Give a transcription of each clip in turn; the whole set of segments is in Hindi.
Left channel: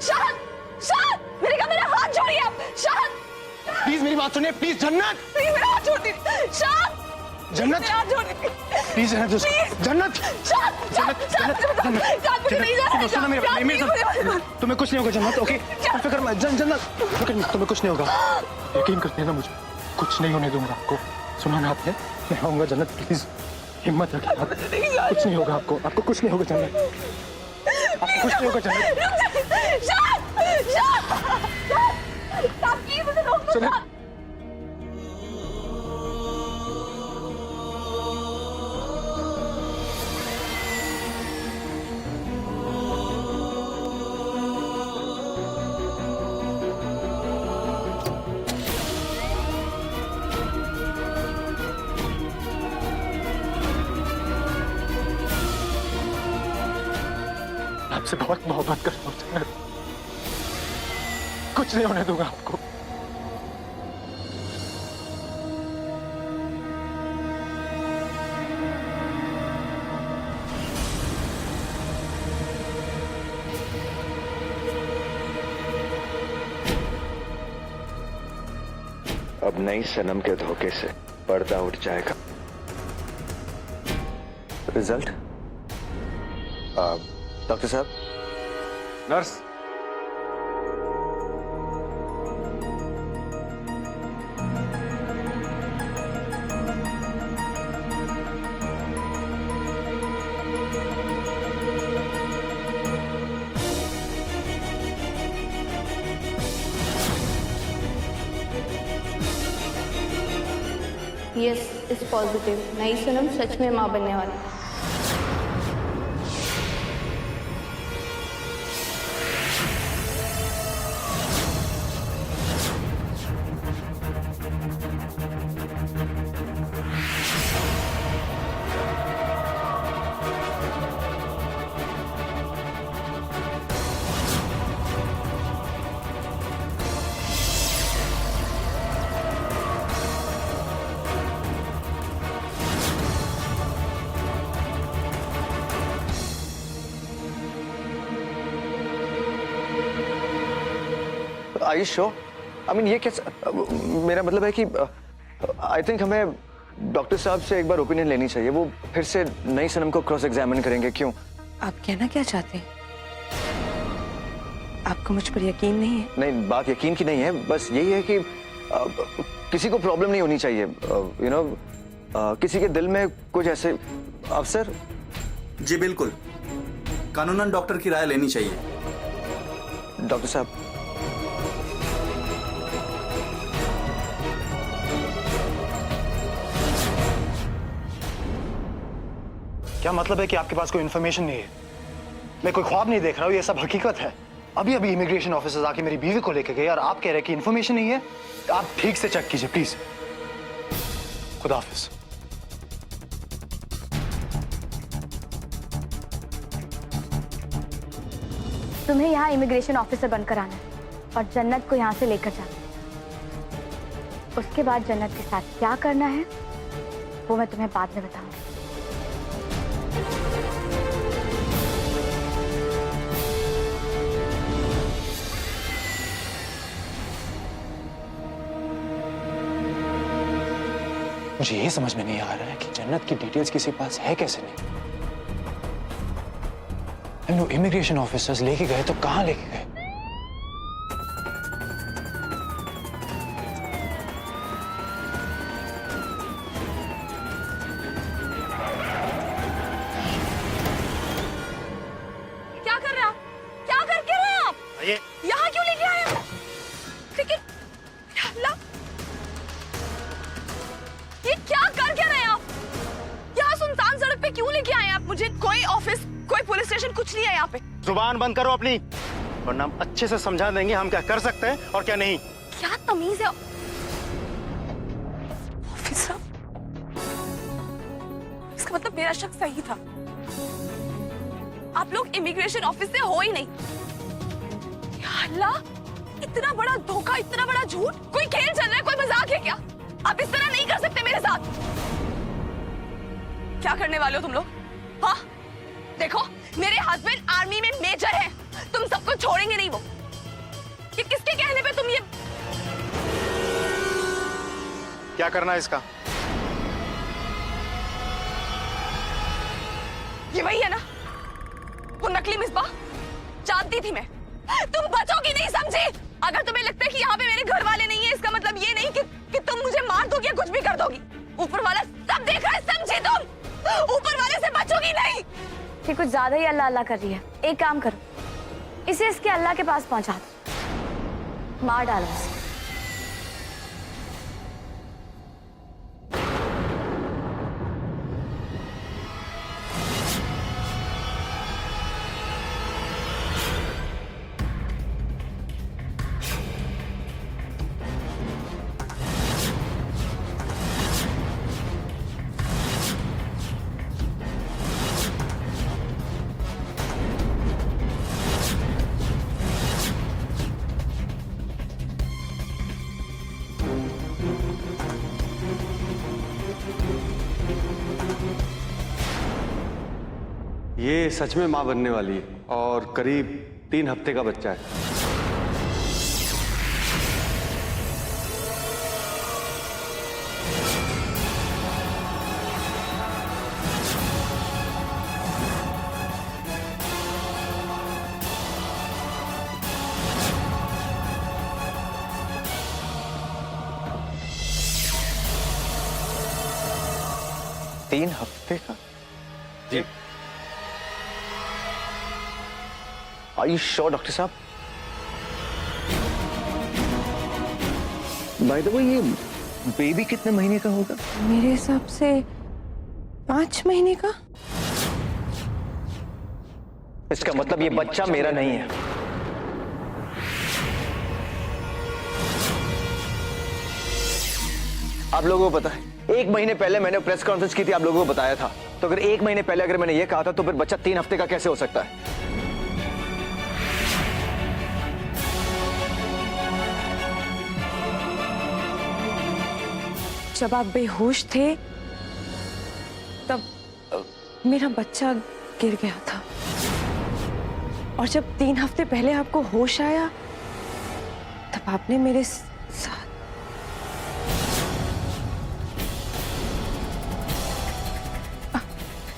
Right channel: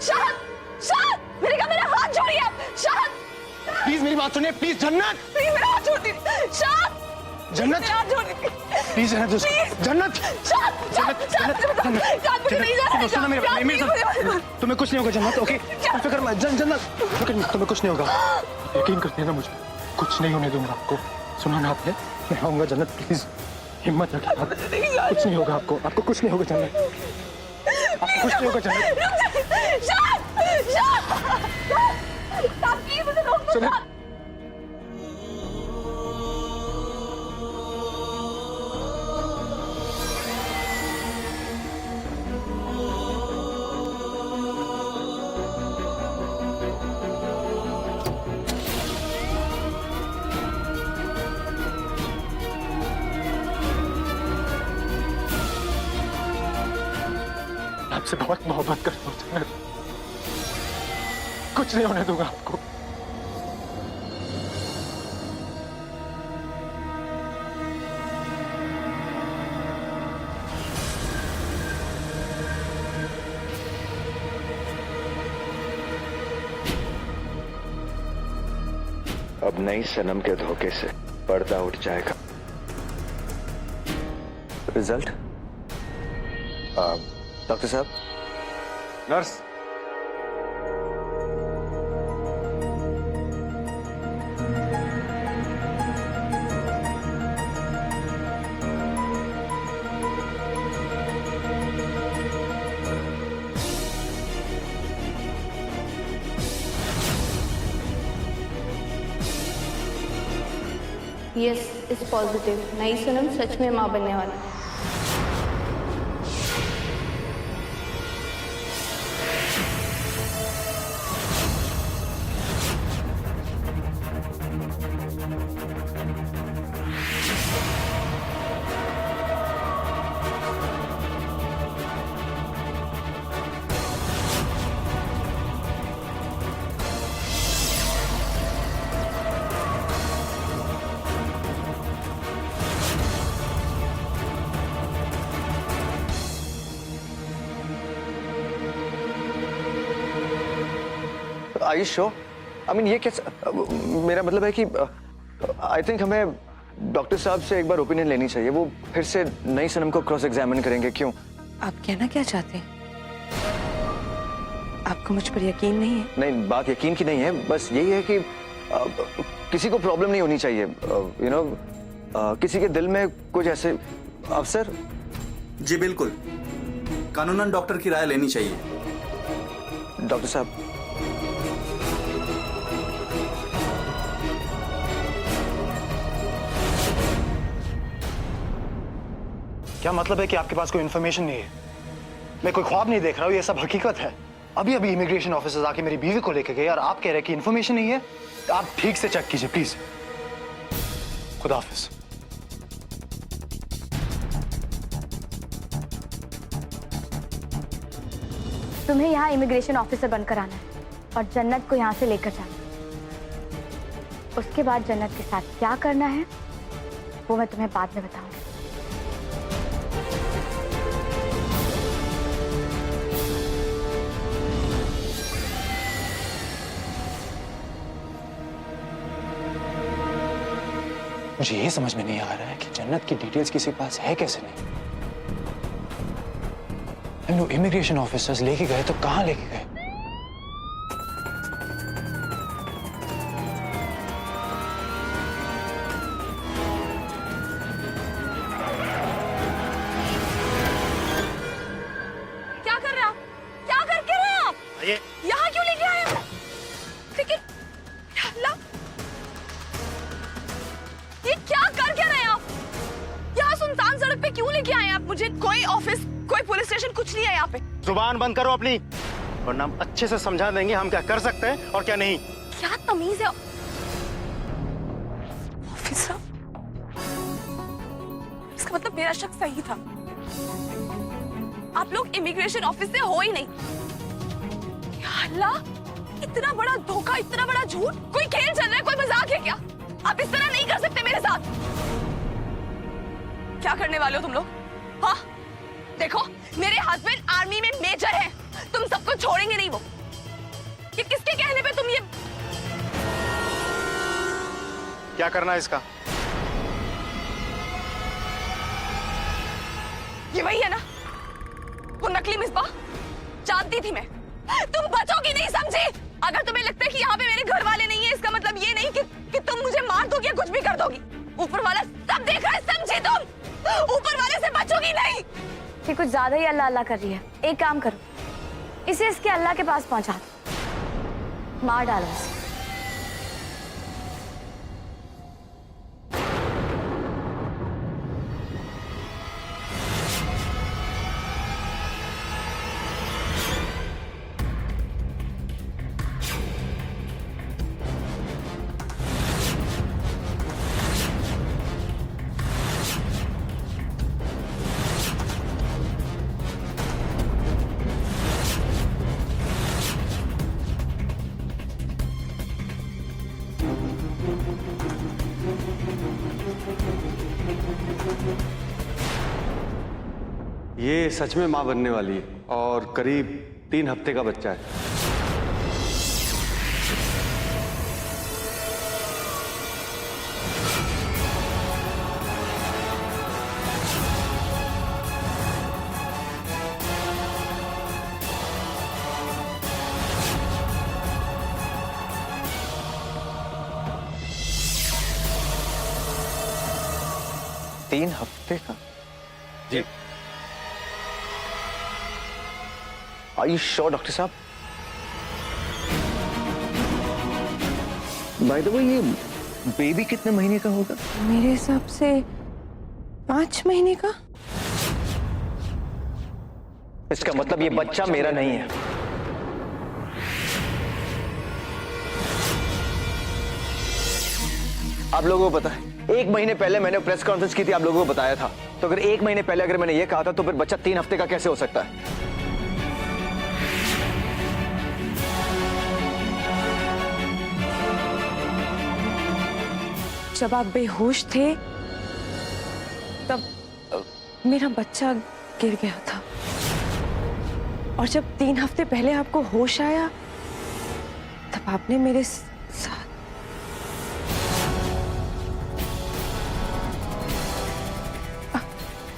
शाहद, शाहद, मैंने कहा मेरा हाथ छोड़िए आप। शाहद, प्लीज मेरी बात सुनिए, प्लीज जन्नत, प्लीज मेरा हाथ छोड़ दीजिए। शाहद, जन्नत, मेरा हाथ छोड़ दीजिए प्लीज जन्नत, जन्नत, शाहद, शाहद, सुनो मेरी बात, तुम्हें कुछ नहीं होगा जन्नत, ओके? फिक्र मत, जन्नत, फिक्र मत, तुम्हें कुछ नहीं होगा, यकीन करते हैं ना मुझे, कुछ नहीं होने दूंगा आपको। सुना ना आपने, मैं आऊंगा जन्नत, प्लीज हिम्मत रखिए आप, कुछ नहीं होगा आपको, आपको कुछ नहीं होगा जन्नत, आपको कुछ नहीं होगा जन्नत। शाहद, शाहद, प्लीज मुझे रोक दो। आपसे बहुत मोहब्बत करता हूँ जन्नत, कुछ नहीं होने दूंगा आपको। अब नई सनम के धोखे से पर्दा उठ जाएगा। रिजल्ट? डॉक्टर साहब। नर्स, यस इज पॉजिटिव, नई सनम सच में माँ बनने वाली है। Are you sure? I mean, ये कैसा, मेरा मतलब है कि आई थिंक हमें डॉक्टर साहब से एक बार ओपिनियन लेनी चाहिए। वो फिर से नई सनम को क्रॉस एग्जामिन करेंगे। क्यों? आप कहना क्या चाहते हैं? आपको मुझ पर यकीन नहीं है? नहीं, बात यकीन की नहीं है, बस यही है कि किसी को प्रॉब्लम नहीं होनी चाहिए। यू नो, किसी के दिल में कुछ ऐसे अफसर। जी बिल्कुल, कानूनन डॉक्टर की राय लेनी चाहिए। डॉक्टर साहब, क्या मतलब है कि आपके पास कोई इन्फॉर्मेशन नहीं है? मैं कोई ख्वाब नहीं देख रहा हूँ, ये सब हकीकत है। अभी अभी इमिग्रेशन ऑफिसर्स आके मेरी बीवी को लेके गए और आप कह रहे हैं कि इन्फॉर्मेशन नहीं है। आप ठीक से चेक कीजिए प्लीज। खुदा हाफिज। तुम्हें यहाँ इमिग्रेशन ऑफिसर बनकर आना है और जन्नत को यहाँ से लेकर जाना है। उसके बाद जन्नत के साथ क्या करना है वो मैं तुम्हें बाद में बताऊंगी। मुझे ये समझ में नहीं आ रहा है कि जन्नत की डिटेल्स किसी के पास है कैसे नहीं। हम लोग इमिग्रेशन ऑफिसर्स लेके गए तो कहां लेके गए? क्या कर रहे हैं आप? क्या करके रहे हैं आप? ये यहाँ क्यों लेके आए हैं? लेकिन या अल्लाह, ये क्या कर क्या रहे हैं आप? यहाँ सुनसान सड़क पे क्यों लेके आए हैं आप मुझे? कोई ऑफिस, कोई पुलिस स्टेशन कुछ नहीं है यहाँ पे। जुबान बंद करो अपनी, वरना हम अच्छे से समझा देंगे हम क्या कर सकते हैं और क्या नहीं। क्या तमीज है ऑफिसर? इसका मतलब मेरा शक सही था। आप लोग इमिग्रेशन ऑफिस से हो ही नहीं। या अल्लाह, इतना बड़ा धोखा, इतना बड़ा झूठ। कोई खेल चल रहा है, कोई मजाक है क्या? आप इस तरह नहीं कर सकते मेरे साथ। क्या करने वाले हो तुम लोग? हाँ, देखो मेरे हस्बैंड आर्मी में मेजर है, तुम सबको छोड़ेंगे नहीं वो। क्या करना है इसका? ये वही है ना, वो नकली मिसबा? जानती थी मैं, तुम बचोगी नहीं, समझी? अगर तुम्हें लगता है कि यहाँ पे मेरे घर वाले नहीं है, इसका मतलब ये नहीं कि तुम मुझे मार दोगी या कुछ भी कर दोगी। ऊपर वाला सब देख रहा है, समझी? तुम ऊपर वाले से बचोगी नहीं। ये कुछ ज्यादा ही अल्लाह अल्लाह कर रही है। एक काम करो, इसे इसके अल्लाह के पास पहुंचा दो, मार डालो इसे। ये सच में मां बनने वाली है और करीब 3 हफ्ते का बच्चा है। तीन हफ्ते का? जी। Are you sure, डॉक्टर साहब? बाय द वे, ये बेबी कितने महीने का होगा? मेरे हिसाब से 5 महीने का। इसका मतलब ये बच्चा मेरा नहीं है। आप लोगों को पता है, 1 महीने पहले मैंने प्रेस कॉन्फ्रेंस की थी, आप लोगों को बताया था। तो अगर 1 महीने पहले अगर मैंने ये कहा था, तो फिर बच्चा 3 हफ्ते का कैसे हो सकता है? जब आप बेहोश थे तब मेरा बच्चा गिर गया था, और जब 3 हफ्ते पहले आपको होश आया तब आपने मेरे साथ।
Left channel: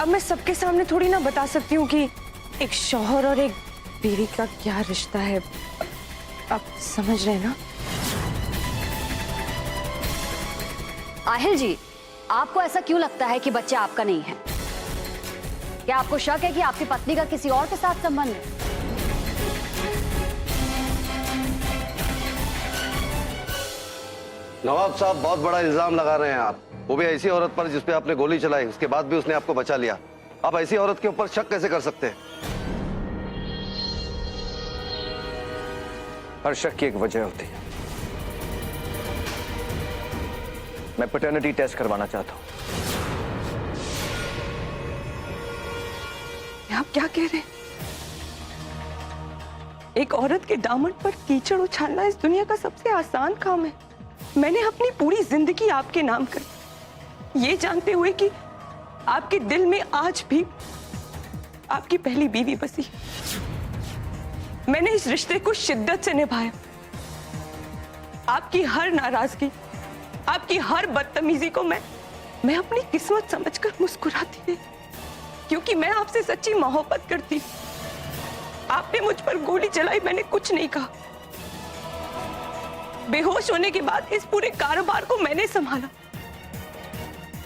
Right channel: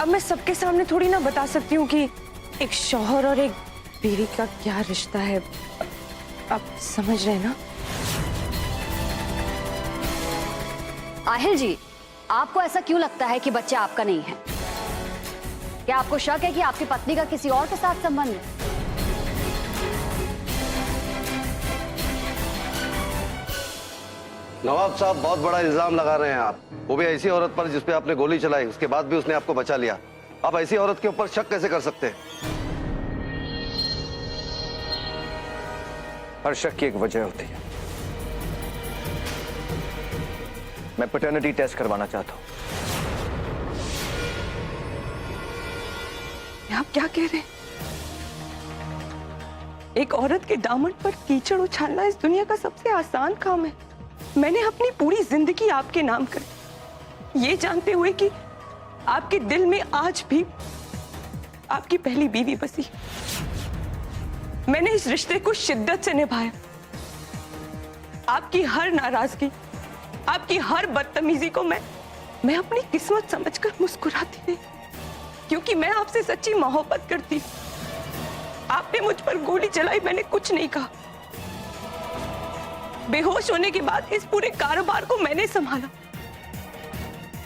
अब मैं सबके सामने थोड़ी ना बता सकती हूँ कि एक शौहर और एक बीवी का क्या रिश्ता है। आप समझ रहे हैं ना? आहिल जी, आपको ऐसा क्यों लगता है कि बच्चा आपका नहीं है? क्या आपको शक है कि आपकी पत्नी का किसी और के साथ संबंध है? नवाब साहब, बहुत बड़ा इल्जाम लगा रहे हैं आप, वो भी ऐसी औरत पर जिस पे आपने गोली चलाई, उसके बाद भी उसने आपको बचा लिया। आप ऐसी औरत के ऊपर शक कैसे कर सकते हैं? हर शक की एक वजह होती है। मैं पैटर्निटी टेस्ट करवाना चाहता हूं। आप क्या कह रहे हैं? एक औरत के दामन पर कीचड़ उछालना इस दुनिया का सबसे आसान काम है। मैंने अपनी पूरी जिंदगी आपके नाम कर दी, ये जानते हुए कि आपके दिल में आज भी आपकी पहली बीवी बसी। मैंने इस रिश्ते को शिद्दत से निभाया। आपकी हर नाराजगी, आपकी हर बदतमीजी को मैं अपनी किस्मत समझकर मुस्कुराती रही, क्योंकि मैं आपसे सच्ची मोहब्बत करती हूँ। आपने मुझ पर गोली चलाई, मैंने कुछ नहीं कहा। बेहोश होने के बाद इस पूरे कारोबार को मैंने संभाला।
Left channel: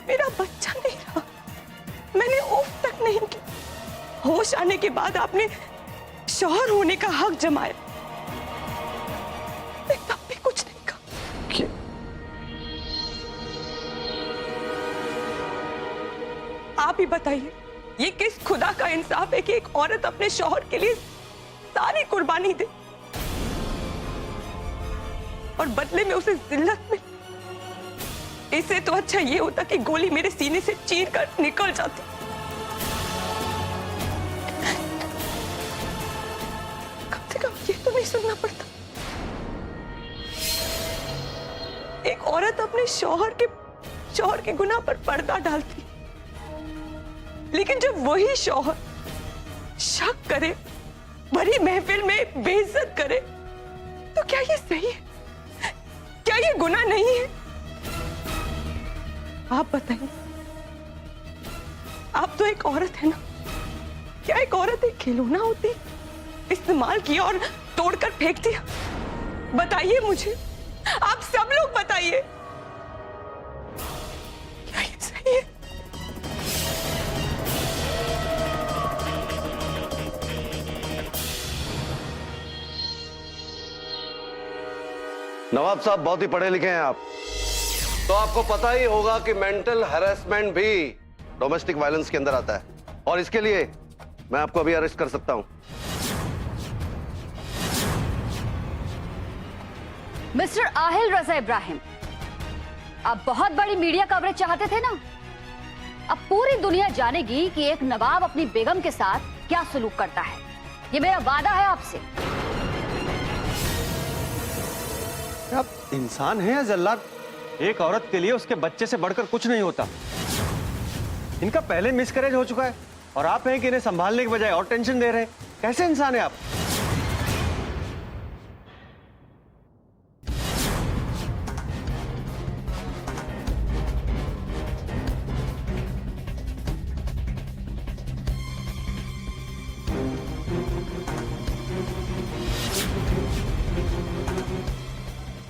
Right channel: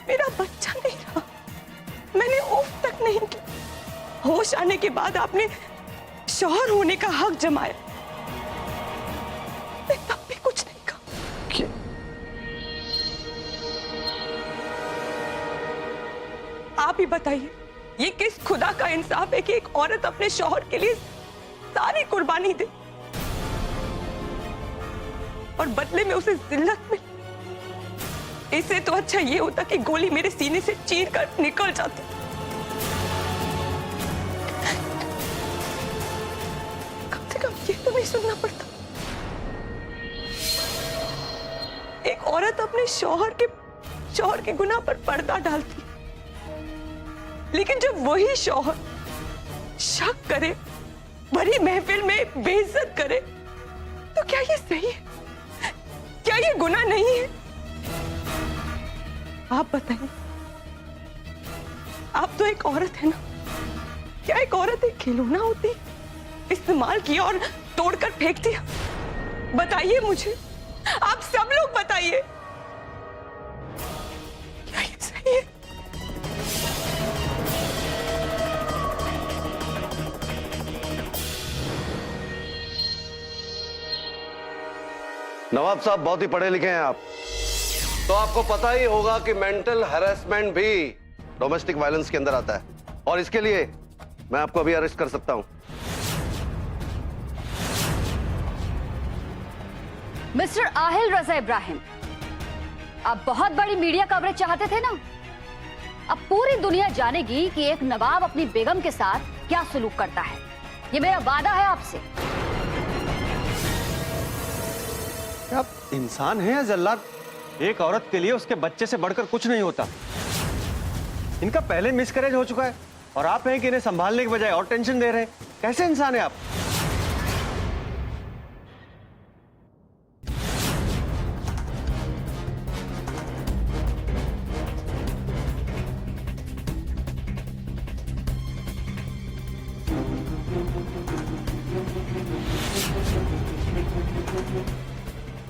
मेरा बच्चा नहीं रहा, मैंने उफ तक नहीं की। होश आने के बाद आपने शौहर होने का हक जमाया, मैं तब भी कुछ नहीं कहा। आप ही बताइए, ये किस खुदा का इंसाफ है कि एक औरत अपने शौहर के लिए सारी कुर्बानी दे और बदले में उसे जिल्लत मिले? इससे तो अच्छा ये होता कि गोली मेरे सीने से चीर कर निकल जाती। कम से कम ये तो नहीं सुनना पड़ता। एक औरत अपने शौहर के गुनाह पर पर्दा डालती, लेकिन जब वही शौहर शक करे, भरी महफिल में बेइज्जत करे, तो क्या ये सही है? क्या ये गुनाह नहीं है? आप बताइए, आप तो एक औरत है ना, क्या एक औरत एक खिलौना होती, इस्तेमाल किया और तोड़कर फेंक दिया? बताइए मुझे, आप सब लोग बताइए, क्या ये सही है? नवाब साहब बहुत ही पढ़े लिखे हैं आप, तो आपको पता ही होगा कि मेंटल हैरेसमेंट भी डोमेस्टिक वायलेंस के अंदर आता है, और इसके लिए मैं आपको अभी अरेस्ट कर सकता हूं। मिस्टर आहिल रजा इब्राहिम, आप बहुत बड़ी मीडिया कवरेज चाहते थे ना? अब पूरी दुनिया जानेगी कि एक नवाब अपनी बेगम के साथ क्या सलूक करता है। ये मेरा वादा है आपसे। आप इंसान हैं या जल्लाद? एक औरत के लिए उसके बच्चे से बढ़कर कुछ नहीं होता। इनका पहले मिसकैरेज हो चुका है और आप हैं कि इन्हें संभालने के बजाय और टेंशन दे रहे हैं। कैसे इंसान है आप?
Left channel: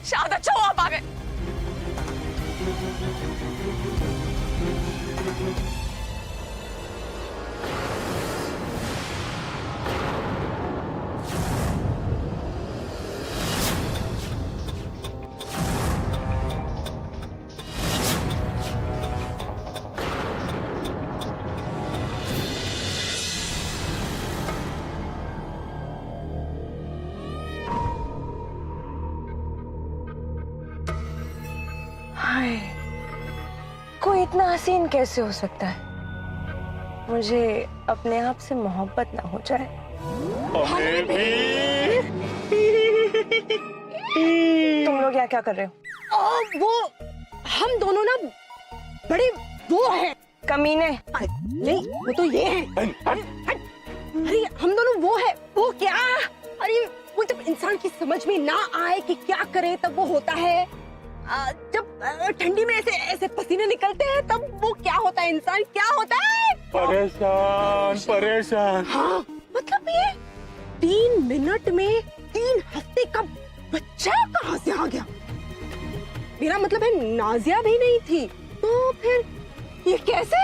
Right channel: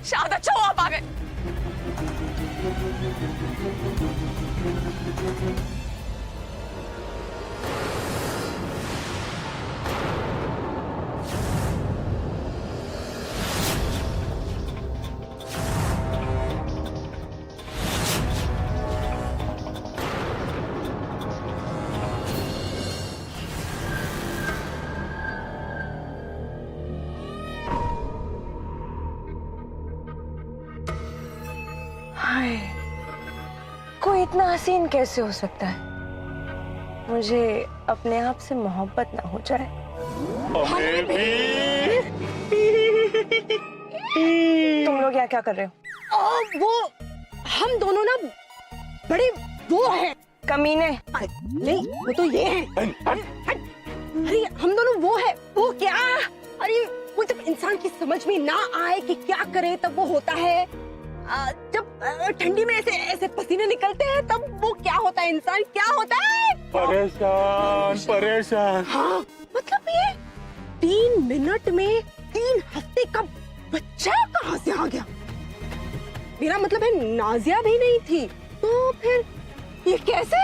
शायद अच्छा हो आप आ गए। हाय, कोई इतना हसीन कैसे हो सकता है? मुझे अपने आप से मोहब्बत ना हो जाए। हमें भी। तुम लोग यहाँ क्या कर रहे हो? वो हम दोनों ना बड़े वो है कमीने। नहीं, वो तो ये है। अरे हम दोनों वो है, वो क्या? अरे वो जब इंसान की समझ में ना आए कि क्या करे तब वो होता है। जब ठंडी में ऐसे ऐसे पसीने निकलते हैं तब वो क्या होता है? इंसान क्या होता है? परेशान परेशान। हाँ, मतलब ये 3 मिनट में 3 हफ्ते का बच्चा कहाँ से आ गया? मेरा मतलब है नाजिया भी नहीं थी, तो फिर ये कैसे?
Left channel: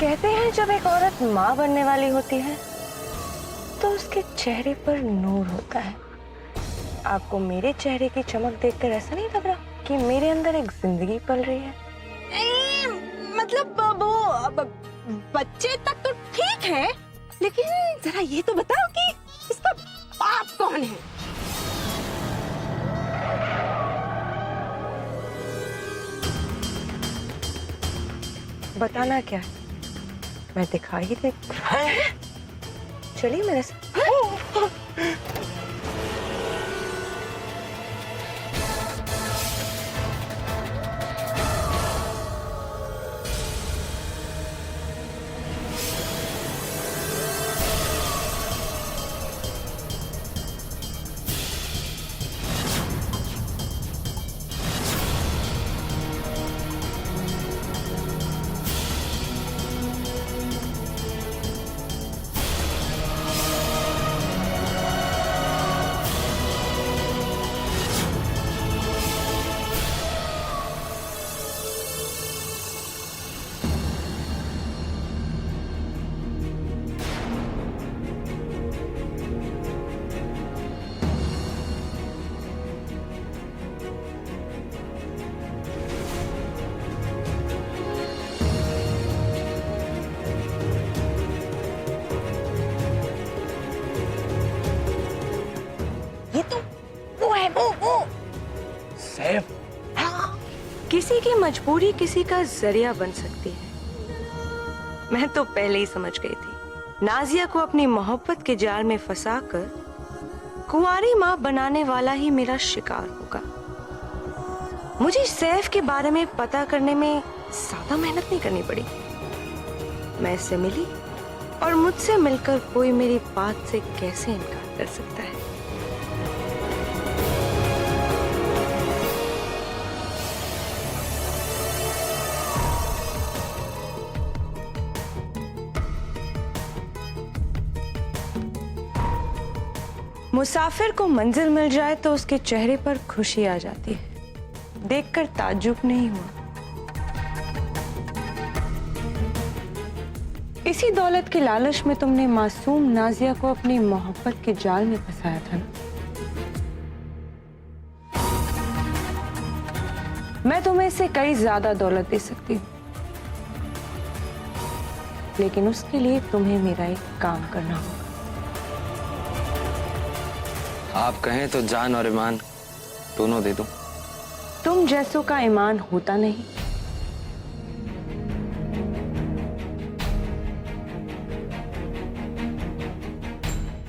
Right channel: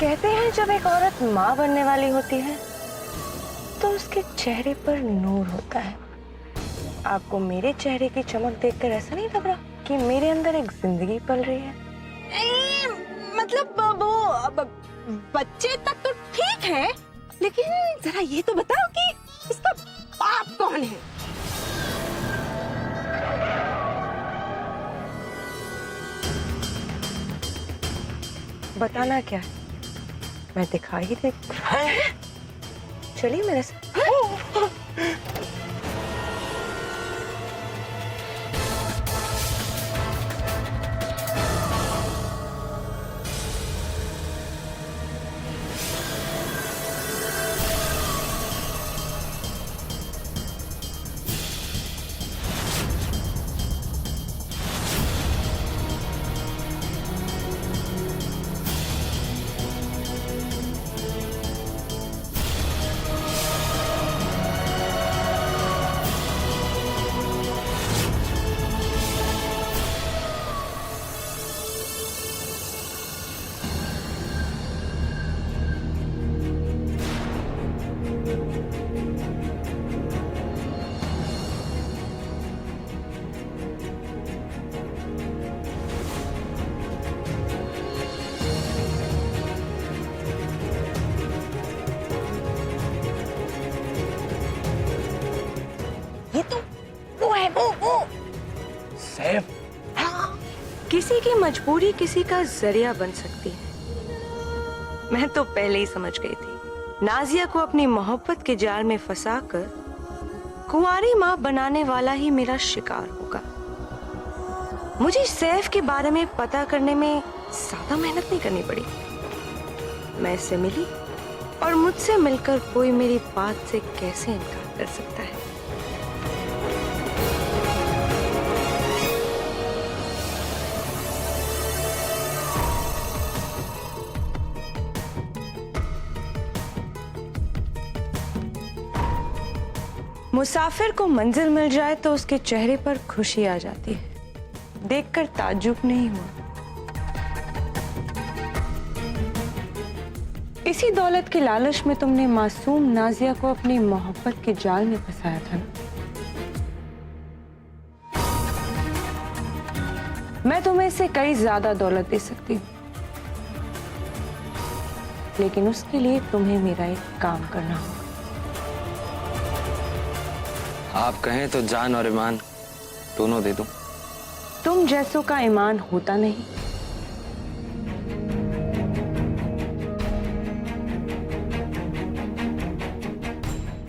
कहते हैं जब एक औरत माँ बनने वाली होती है तो उसके चेहरे पर नूर होता है। आपको मेरे चेहरे की चमक देखकर ऐसा नहीं लग रहा कि मेरे अंदर एक जिंदगी पल रही है? मतलब वो बच्चे तक तो ठीक है, लेकिन जरा ये तो बताओ कि इसका बाप कौन है? बताना क्या है? मैं दिखा ही दे। चलिए मेरे साथ। ये तो वो है, वो सैफ। हाँ। किसी की मजबूरी किसी का जरिया बन सकती है। मैं तो पहले ही समझ गई थी नाजिया को अपनी मोहब्बत के जाल में फंसाकर कुंवारी माँ बनाने वाला ही मेरा शिकार होगा। मुझे सैफ के बारे में पता करने में ज्यादा मेहनत नहीं करनी पड़ी। मैं इससे मिली और मुझसे मिलकर कोई मेरी बात से कैसे इनकार कर सकता है? मुसाफिर को मंजिल मिल जाए तो उसके चेहरे पर खुशी आ जाती है, देखकर ताज्जुब नहीं हुआ। इसी दौलत के लालच में तुमने मासूम नाजिया को अपनी मोहब्बत के जाल में फंसाया था ना। मैं तुम्हें इससे कई ज्यादा दौलत दे सकती हूँ, लेकिन उसके लिए तुम्हें मेरा एक काम करना होगा। आप कहें तो जान और ईमान दोनों दे दूं। तुम जैसों का ईमान होता नहीं।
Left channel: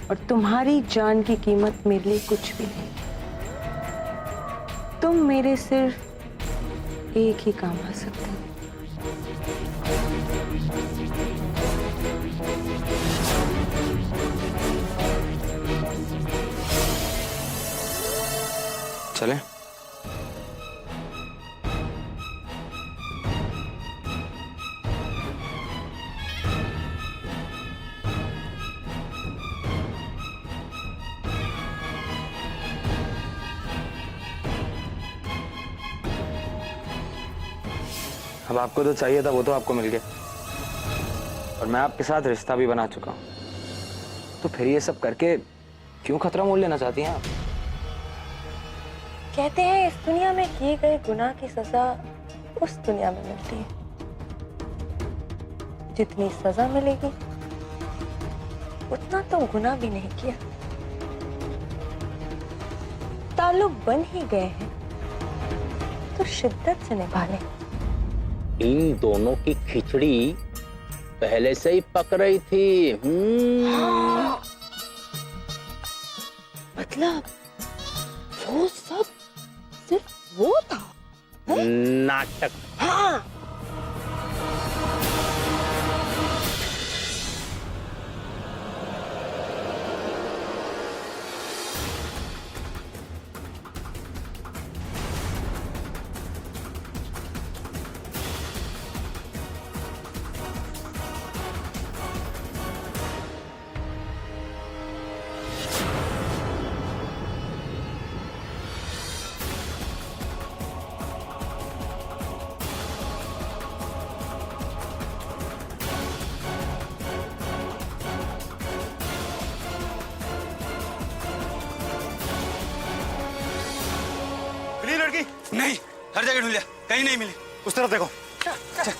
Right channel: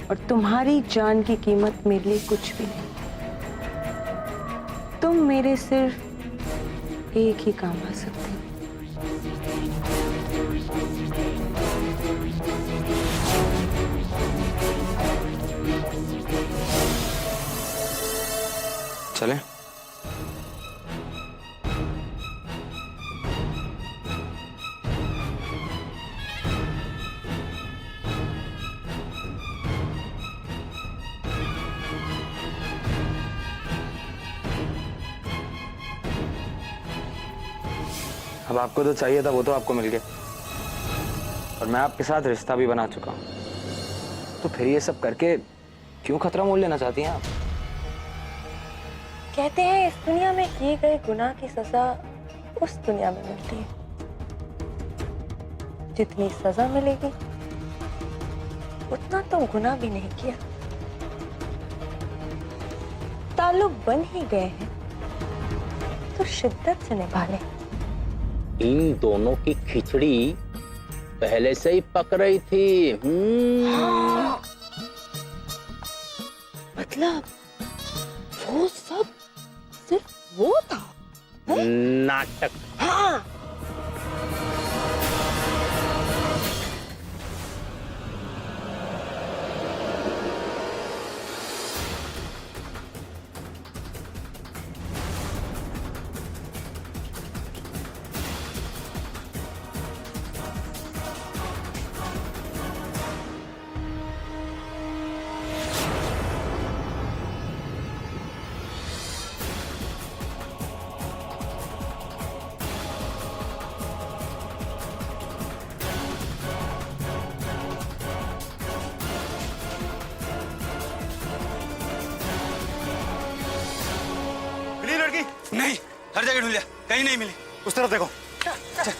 और तुम्हारी जान की कीमत मेरे लिए कुछ भी नहीं। तुम मेरे सिर्फ एक ही काम आ सकते हो। चलें? अब आपको तो चाहिए था वो तो आपको मिल गया, और मैं आपके साथ रिश्ता भी बना चुका हूं, तो फिर ये सब करके क्यों खतरा मोल लेना चाहती हैं आप? कहते हैं इस दुनिया में किए गए गुनाह की सजा उस दुनिया में मिलती है। जितनी सजा मिलेगी उतना तुम गुनाह भी नहीं किया। ताल्लुक बन ही गए हैं तो शिद्दत से निभा लें। इन दोनों की खिचड़ी पहले से ही पक रही थी। हाँ। मतलब वो सब सिर्फ वो था। नाटक। हाँ। मिली लड़की? नहीं, हर जगह ढूंढ लिया, कहीं नहीं मिली। उस तरफ देखो। चल।